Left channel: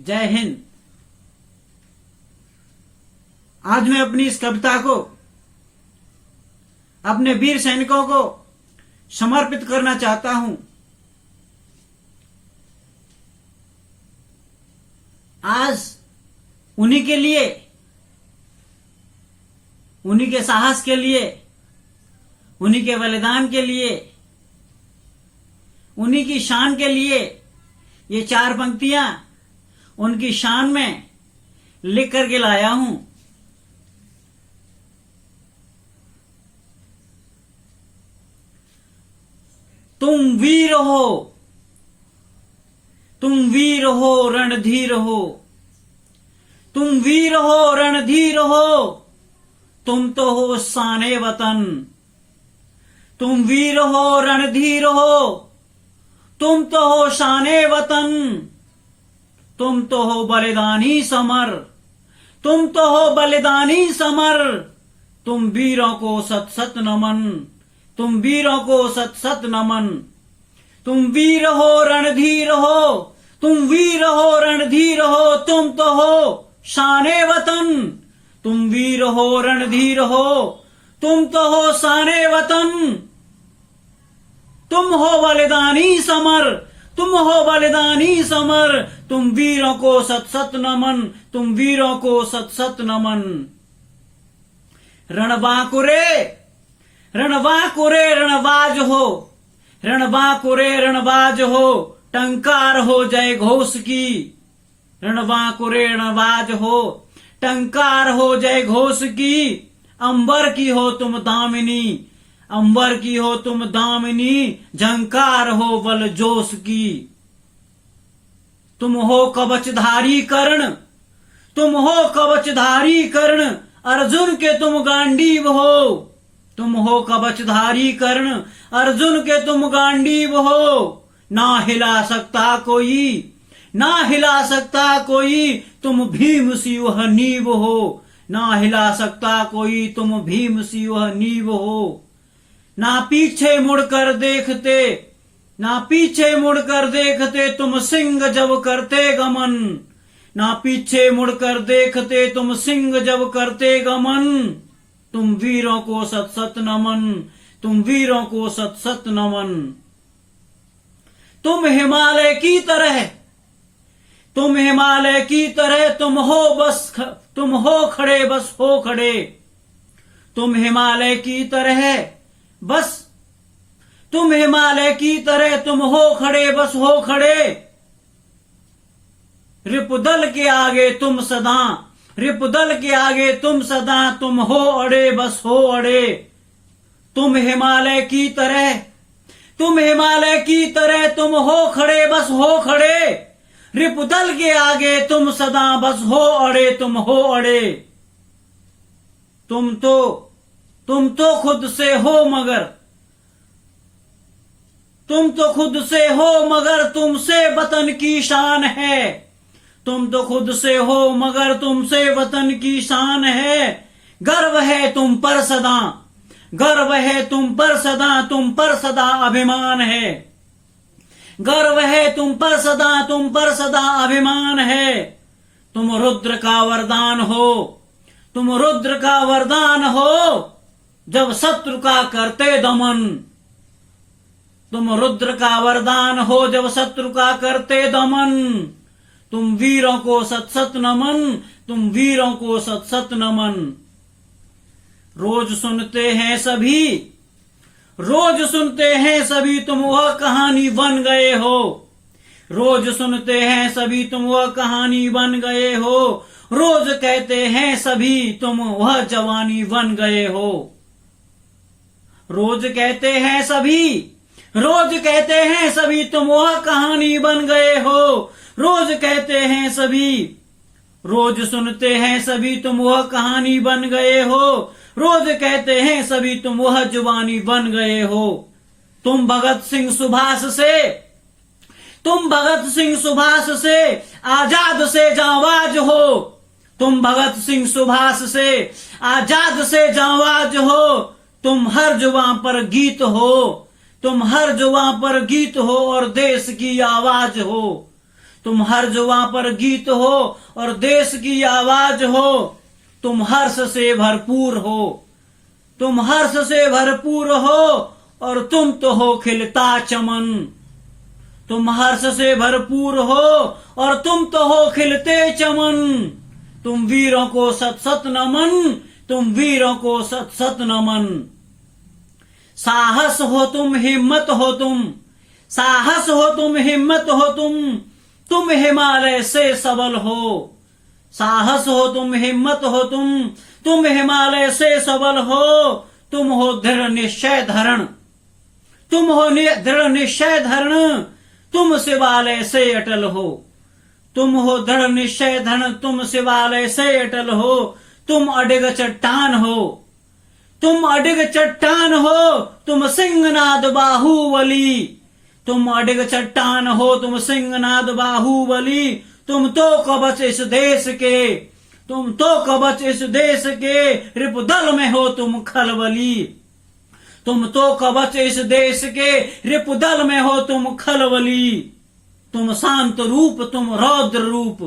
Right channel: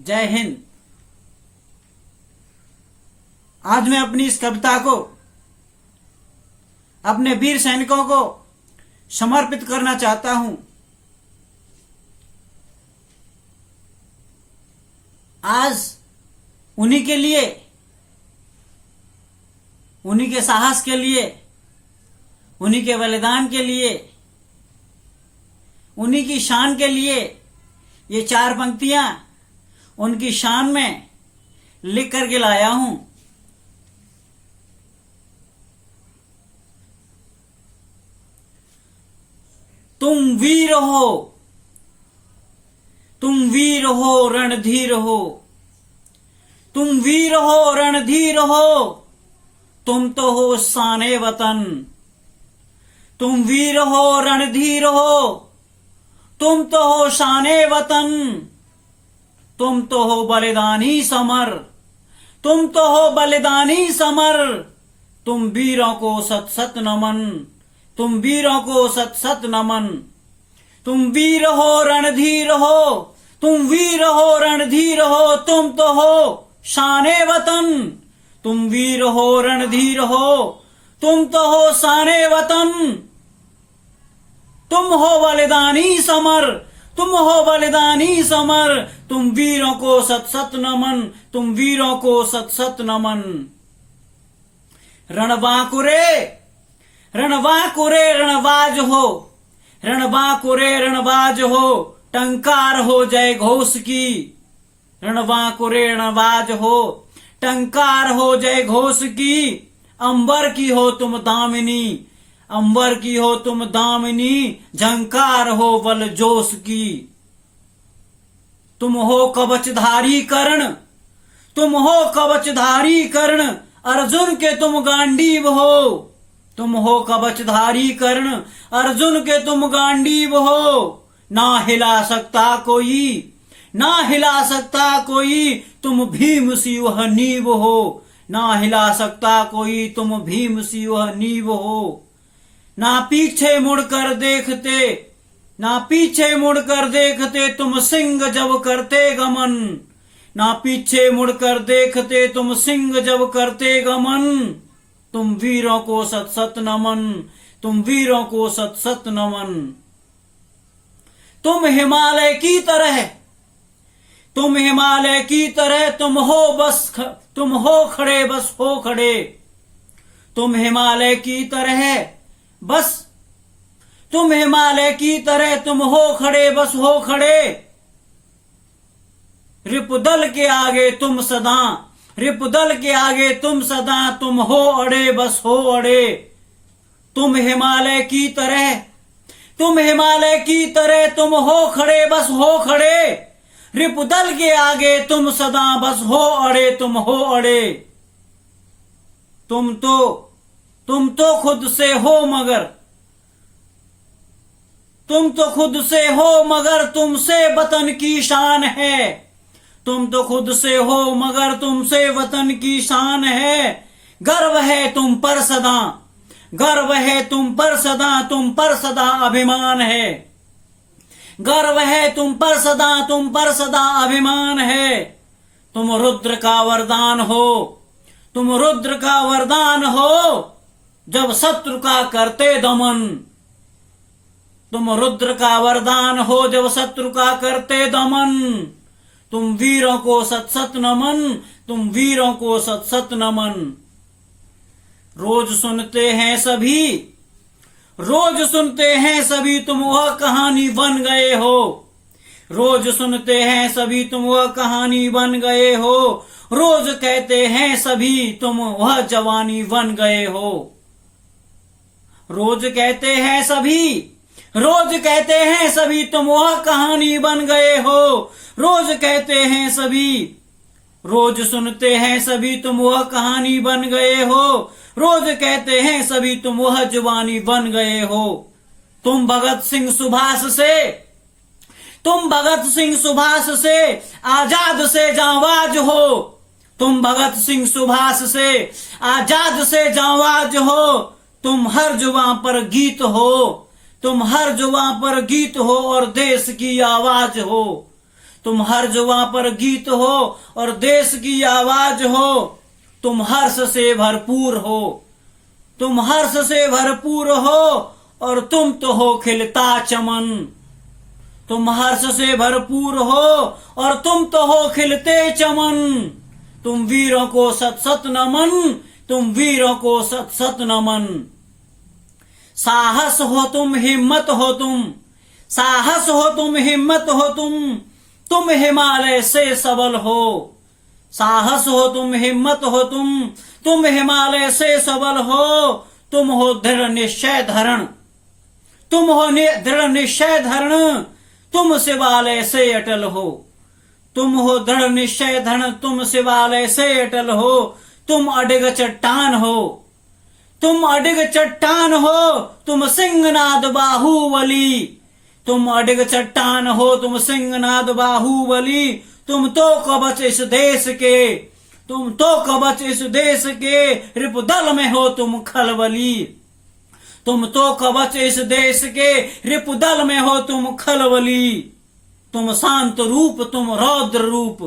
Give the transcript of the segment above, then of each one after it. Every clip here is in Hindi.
जय हिंद। आज मैं अपनी इस कविता को अपने वीर सैनिकों को समर्पित करना चाहता हूं। आज उन्हीं के लिए, उन्हीं के साहस के लिए, उन्हीं के बलिदान के लिए, उन्हीं की शान के लिए ये चार पंक्तियां उनकी शान में लिख करके लाया हूं। तुम वीर हो, तुम वीर हो रणधीर हो, तुम वीर हो रणधीर हो, तुम तो हो शाने वतन। तुम वीर हो रणधीर हो, तुम तो हो शाने वतन। तुम तो हो बलिदानी समर, तुम तो हो बलिदानी समर। तुम वीरों को सत सत नमन, तुम वीरों को सत सत नमन। तुम वीर हो रणधीर हो, तुम वीर हो रणधीर हो, तुम तो हो शाने वतन। तुम वीर हो रणधीर हो, तुम तो हो शाने वतन। तुम हो बलिदानी समर, तुम हो बलिदानी समर। तुम वीरों को सत सत नमन, तुम वीरों को सत सत नमन। रणबांकुरे रणबांकुरे रणबाज हो, रणबांकुरे रणबाज हो, टंकार हो जय घोष की। रणबांकुरे रणबाज हो, टंकार हो जय घोष की। अंबर की हो तुम दामिनी, अंबर की हो तुम दामिनी, झंकार हो बल जोश की। तुम हो कवचधारी कर्ण, तुम हो कवचधारी कर्ण, अर्जुन के तुम गांडीव हो। तुम हो कवचधारी कर्ण, अर्जुन के तुम गांडीव हो। ना हिला सकता कोई, ना हिला सकता कोई, तुम भीम सी वह नींव हो। ना हिला सकता कोई, तुम भीम सी वह नींव हो। ना पीछे मुड़कर देखते, ना पीछे मुड़कर देखते, तुम सिंह जब करते गमन। ना पीछे मुड़कर देखते, तुम सिंह जब करते गमन। तुम वीरों को सत सत नमन, तुम वीरों को सत सत नमन। तुम हिमालय की तरह, तुम हिमालय की तरह, तुम हो खड़े बस हो खड़े। तुम हिमालय की तरह बस, तुम हिमालय की तरह, तुम हो खड़े बस हो खड़े। रिपुदल के आगे तुम सदा, रिपुदल के आगे तुम सदा, तुम हो अड़े बस हो अड़े। तुम हिमालय की तरह, तुम हिमालय की तरह, तुम हो खड़े बस हो खड़े। रिपुदल के आगे तुम सदा बस हो अड़े, तुम हो अड़े। तुम तो खुद से हो मगर, तुम तो खुद से हो मगर, तुमसे वतन की शान है। तुम तो खुद से हो मगर, तुमसे वतन की शान है। गर्व है तुम पर सदा, गर्व है तुम पर सदा, तुम पर सदा अभिमान है। गर्व है तुम पर सदा, तुम पर सदा अभिमान है। तुम रुद्र का वरदान हो, तुम रुद्र का वरदान हो, जब शत्रु का करते दमन। तुम रुद्र का वरदान हो, जब शत्रु का करते दमन। तुम वीरों को सत सत नमन, तुम वीरों को सत सत नमन। रोज सुनते हैं सभी, रोज सुनते हैं सभी, तुम वह कहानी बन गए हो। रोज सुनते हैं सभी, तुम वह कहानी बन गए हो। रोज कहते हैं सभी, तुम वह जवानी बन गए हो। रोज कहते हैं सभी, रोज कहते हैं सभी, तुम वह कहानी बन गए हो। रोज कहते हैं सभी, रोज सुनते हैं सभी, तुम वह कहानी बन गए हो। रोज कहते हैं सभी, तुम वह जुबानी बन गए हो। तुम भगत सिंह सुभाष से, तुम भगत सिंह सुभाष से आजाद से जांबाज हो। तुम भगत सिंह सुभाष से आजाद से जांबाज हो। तुम हर जुबां पर गीत हो, तुम हर जुबां पर गीत हो और देश की आवाज हो। तुम हर जुबां पर गीत हो और देश की आवाज हो। तुम हर्ष से भरपूर हो, तुम हर्ष से भरपूर हो और तुम तो हो खिलता चमन। तुम हर्ष से भरपूर हो और तुम तो हो खिलते चमन। तुम वीरों को सत सत नमन, तुम वीरों को सत सत नमन। साहस हो तुम, हिम्मत हो तुम, साहस हो तुम, हिम्मत हो तुम हिमालय से सबल हो। साहस हो तुम, हिम्मत हो तुम हिमालय से सबल हो। तुम हो दृढ़ निश्चय धरण, तुम हो दृढ़ निश्चय धरण, तुम शिवालय से अटल हो। तुम हो दृढ़ निश्चय धरण, तुम शिवालय से अटल हो। तुम अडिग चट्टान हो, तुम अडिग चट्टान हो, तुम सिंहनाद बाहुबली। तुम अडिग चट्टान हो, तुम सिंहनाद बाहुबली। तुम तो कवच इस देश के, तुम तो कवच इस देश के, रिपुदल में हो तुम खलबली। तुम तो कवच इस देश के, रिपुदल में हो तुम खलबली। तुम शांत रूप, तुम रौद्र रूप,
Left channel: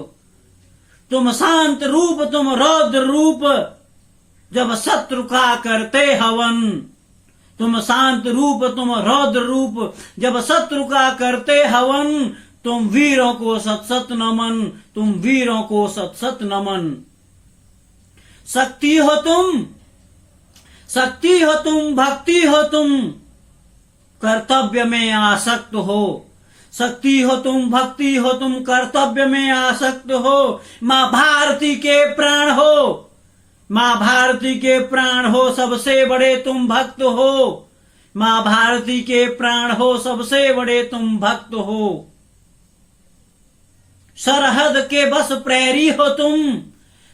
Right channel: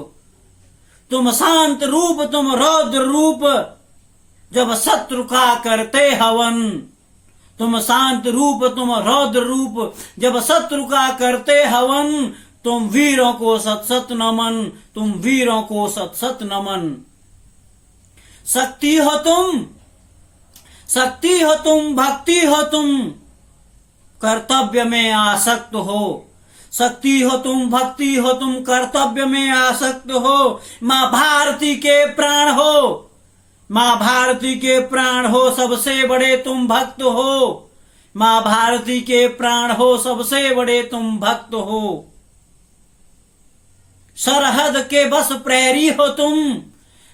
तुम शांत रूप, तुम रौद्र रूप, जब शत्रु का करते हवन। तुम शांत रूप, तुम रौद्र रूप, जब शत्रु का करते हवन। तुम वीरों को सत सत नमन, तुम वीरों को सत सत नमन। शक्ति हो तुम, शक्ति हो तुम, भक्ति हो तुम, कर्तव्य में आसक्त हो। शक्ति हो तुम, भक्ति हो तुम, कर्तव्य में आसक्त हो। माँ भारती के प्राण हो, माँ भारती के प्राण हो, सबसे बड़े तुम भक्त हो। माँ भारती के प्राण हो, सबसे बड़े तुम भक्त हो। सरहद के बस प्रहरी हो तुम,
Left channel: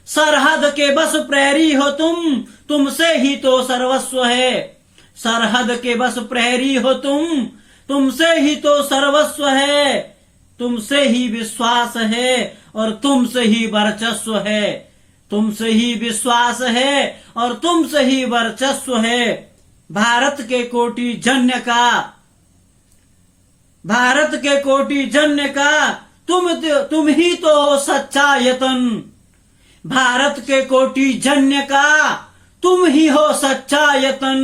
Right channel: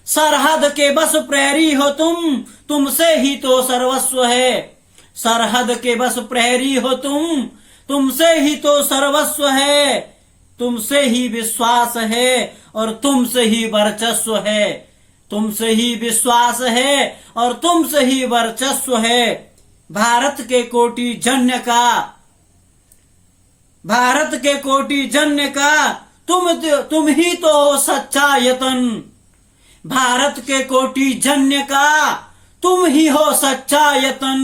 सरहद के बस प्रहरी हो तुमसे ही तो सर्वस्व है। सरहद के बस प्रहरी हो तुमसे ही तो सर्वस्व है। तुमसे ही विश्वास है और तुमसे ही वर्चस्व है। तुमसे ही विश्वास है और तुमसे ही वर्चस्व है। भारत के कोटि जन्य का, भारत के कोटि जन्य का, तुम ही तो हो सच्चा यतन। भारत के कोटि जन्य का तुम ही हो सच्चा यतन।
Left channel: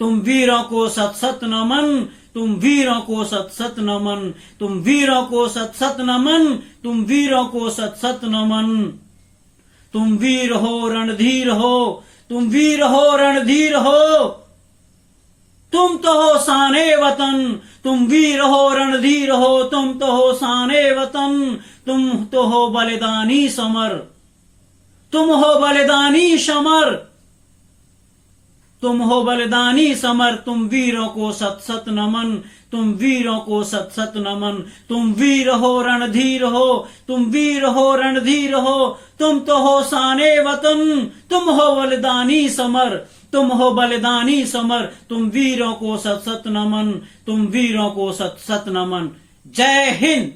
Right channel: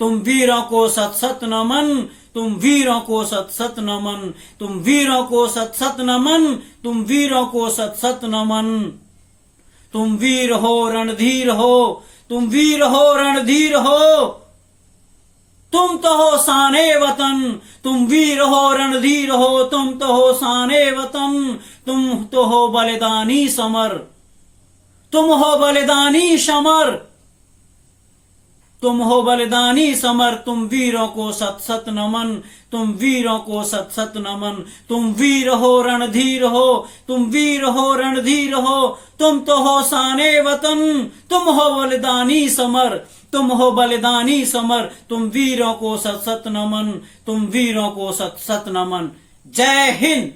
तुम वीरों को सत सत नमन, तुम वीरों को सत सत नमन, तुम वीरों को सत सत नमन, तुम वीरों को सत सत नमन। तुम वीर हो, रणधीर हो, तुम वीर हो, रणधीर हो, तुम तो हो शाने वतन। तुम वीर हो, रणधीर हो, तुम तो हो शाने वतन। तुम तो हो बलिदानी समर, तुम हो बलिदानी समर, तुम हो बलिदानी समर। तुम वीरों को सत सत नमन, तुम वीरों को सत सत नमन। तुम वीर हो, रणधीर हो, तुम वीर हो, रणधीर हो, तुम तो हो शाने वतन। तुम हो बलिदानी समर, तुम हो बलिदानी समर। तुम वीरों को सत सत नमन, तुम वीरों को सत सत नमन। जय हिंद।